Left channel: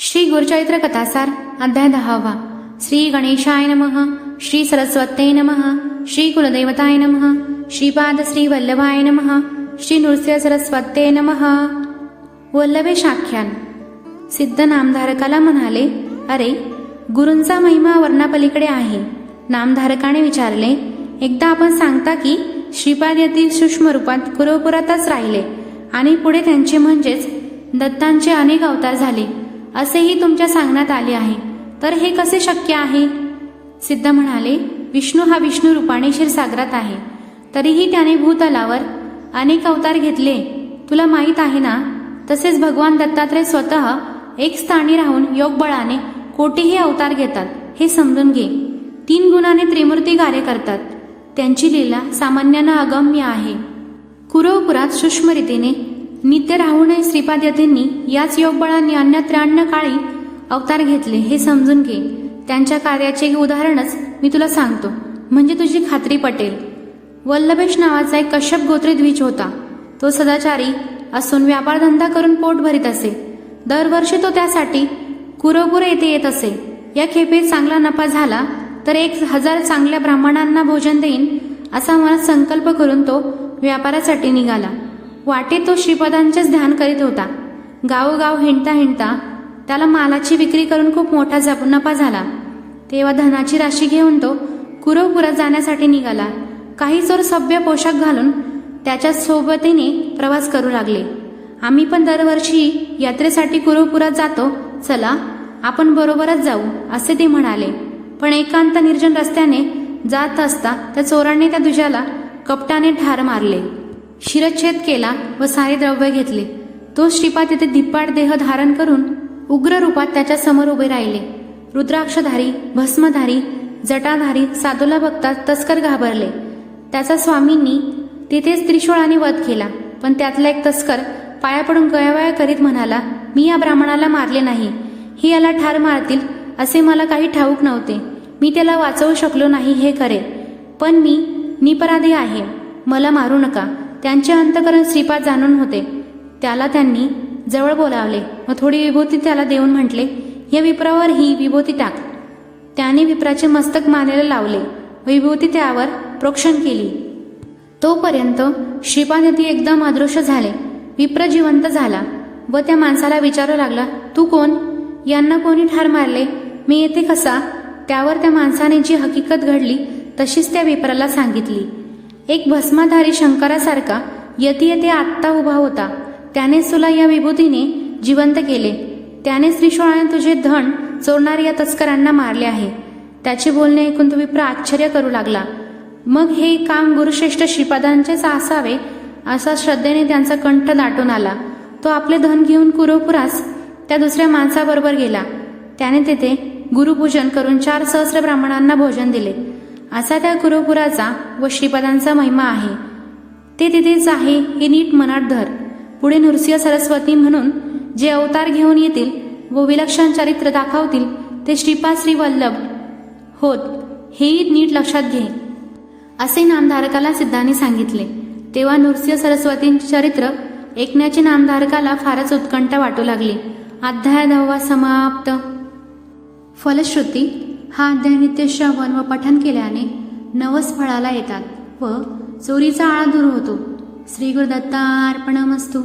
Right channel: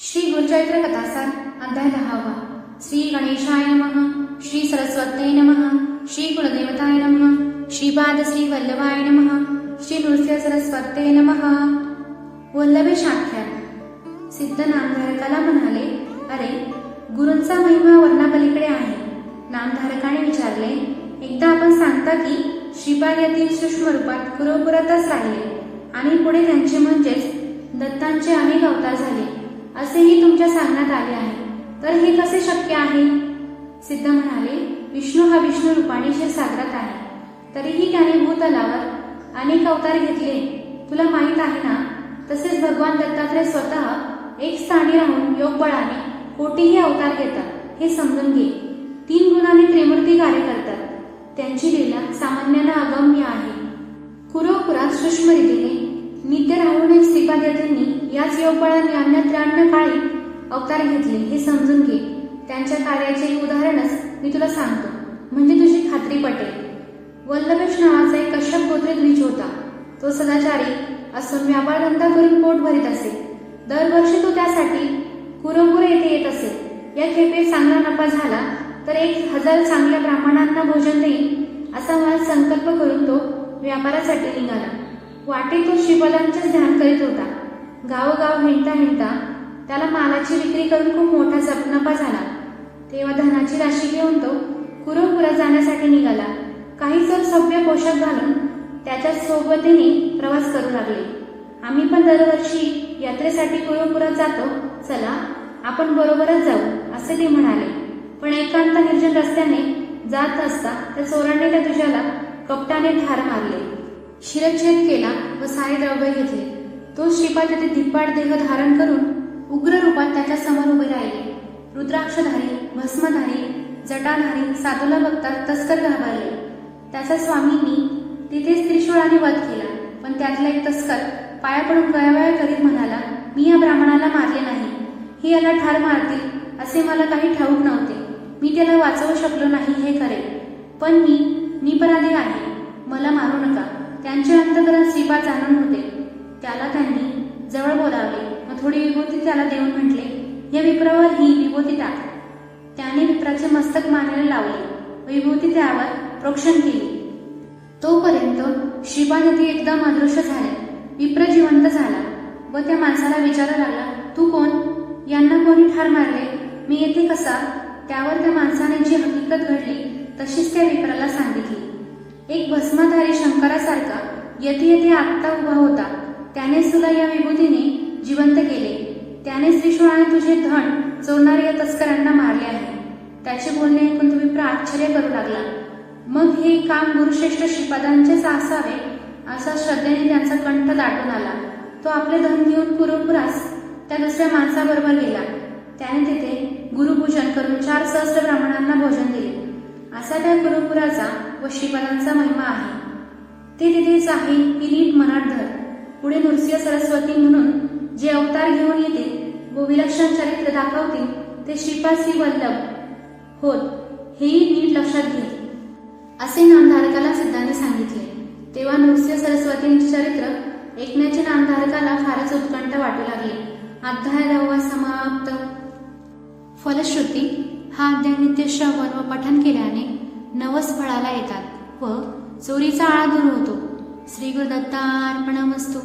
श्री गुरुचरित्र कथासार अध्याय 10वा। श्री गणेशाय नमः, श्री सरस्वत्यै नमः, श्री कुलदेवताय नमः, श्रीपाद श्री वल्लभाय नमः, श्री नृसिंह सरस्वत्यै नमः। वल्लभेश आख्यान। सिद्ध नामधारकाला म्हणाले, अरे गुरूंचा महिमा वर्णापलीकडे आहे। नामधारकाने विचारले, एकदा आपण सांगता की श्रीपाद येथील सूक्ष्म रूपात कुरवपुरातच राहिले आणि पुढे त्यांचे म्हणजेच दत्तांचे अनेक अवतार झाले असेही तुमच्या सांगण्यात आले आहे, तर हे कसे शक्य आहे? सिद्ध म्हणाले, विष्णू हा विष्णू रूपाने क्षीरसागरात आहे, तरीही त्याने भूतलावर अनेक अवतार घेतले तुला माहीत आहे ना। तसेच भगवान दत्तात्रय स्वतः एक स्थानी राहून योगबळाने कोटीही अवतार घेतात, हे समजून घे। 3 गुणाने त्रिमूर्ती कार्य करतात, त्यांची लीला सामान्यानं अगम्य आहे। कुरवपुरात सूक्ष्म रीतीने नित्य राहूनही श्रीपाद यतींनी याच योगबळांनी अन्य 93 काळी अवतार घेतले, हे समजून घे। त्यांच्या कार्याचे एक उदाहरणच मी तुला सांगतो, म्हणजे तुझी खात्री पटेल। वल्लभेश नावाचा एक कश्यप गोत्री द्विज होता। तो सदाचारी असून व्यापारधंदा करून पोट भरीत असे। दरवर्षी तो त्यासाठी कुरवपूर येथे येत असे। या खेपेत चांगला नफा झाला तर 1000 चांगल्या ब्राह्मणांना भोजन देईन असा मनात संकल्प करून तो व्यापारासाठी निघाला। वाटेत तो श्रीपादांचेच ध्यान करीत होता। गावोगाव हिंडता हिंडता त्याला मालाची विक्री करून खूप मोठा नफा झाला। तेव्हा धनाची राशी घेऊन तो कुरवपुरात जाण्यासाठी निघाला। काही चोर सभ्य पोशाख घालून त्याच्या सोबतीने प्रवास करू लागले। आम्ही पण दरवर्षी यात्रेसाठी कुरवपुरात जातो, चला आपण बरोबरच जाऊ असे ते म्हणाले। पण एकांत निर्जन रस्त्याने जात असता त्या चोरांनी त्या द्विजाला कपटाने ठार मारले, शिरच्छेद केला व सारे द्रव्य घेतले। तो श्रीपाद येथे धिप्पाड देह धारण करून उग्र रूपात त्याच्या समोर उभे राहिले। रुद्राक्षधारी, भस्मधारी, जटाधारी साधूला बघता तस्कर घाबरले। त्याचा स्वामींनी तिथेच त्रिशूळाने वध केला, पण त्यातला एक तस्कर पाया पडून गयावया करीत म्हणाला, मी या ब्राह्मणाला मारले नाही, हे याला ठार मारतील असे मला काही ठाऊक नव्हते। मी त्याला वाचवू शकलो नाही हे खरे, पण मी निपराधी आहे, मला मारू नका। त्यांचे अंतकरण श्रीपाद जाणून होते। त्याला त्यांनी जवळ बोलावले व थोडी विभूती त्याला देऊन म्हटले, या विप्रावर ही विभूती टाक। त्याने विप्राचे मस्तक मानेला लावले, विभूती त्यावर प्रोक्षण केली। तोपर्यंत श्रीपाद येथे एकदम अदृश्य झाले। विप्र जिवंत झाला व त्या माणसाला विचारू लागला, तू कोण? यांना कोणी ठार मारले? मी येथे कसा? त्यावर त्या माणसाने जी हकीकत घडली तशीच त्या विप्राला सांगितली। एक भस्माधारी शंकरासारखा यती येथे आत्ता उभा होता, त्याने तुला या विभूतीने जिवंत केले। त्याने त्रिशूळाने तुझे धन चोरणाऱ्या या तस्करांना मारले आहे। त्याचे बोलणे ऐकून तो विप्र आश्चर्य करू लागला। मग हे काम गुरुश्रेष्ठ श्रीपादांचेच असावे असा श्रद्धेने त्यांचा कंठ दाटून आला। तो आपले धन घेऊन कुरवपुरास त्या दुसऱ्या माणसाबरोबर गेला। त्याने तेथे गुरुपूजन करून 4 सहस्र ब्राह्मणांना भोजन दिले। असा त्या कुरवपुराचा व श्रीपादांचा महिमा आहे। ते तिथेच आहे हे नीट मनात धर। पुढे नृसिंह सरस्वती म्हणून जे अवतार घेऊन येतील व विलक्षण चरित्र दाखवतील ते श्रीपाद श्री वल्लभ होत, हेही नीट लक्षात घे असे नामधारकाला सिद्धांनी सांगितले। तेव्हा नृसिंह सरस्वतींचे चरित्र ऐकण्याची नामधारकाला फारच उत्कंठा वाटू लागली। अध्याय 10वा समाप्त। फलश्रुती। हा अध्याय नित्य श्रवण व पठन केल्याने नवस फळाला येतात व चोरीचा आळा दूर होतो। श्री गुरुदत्तार्पणमस्तु।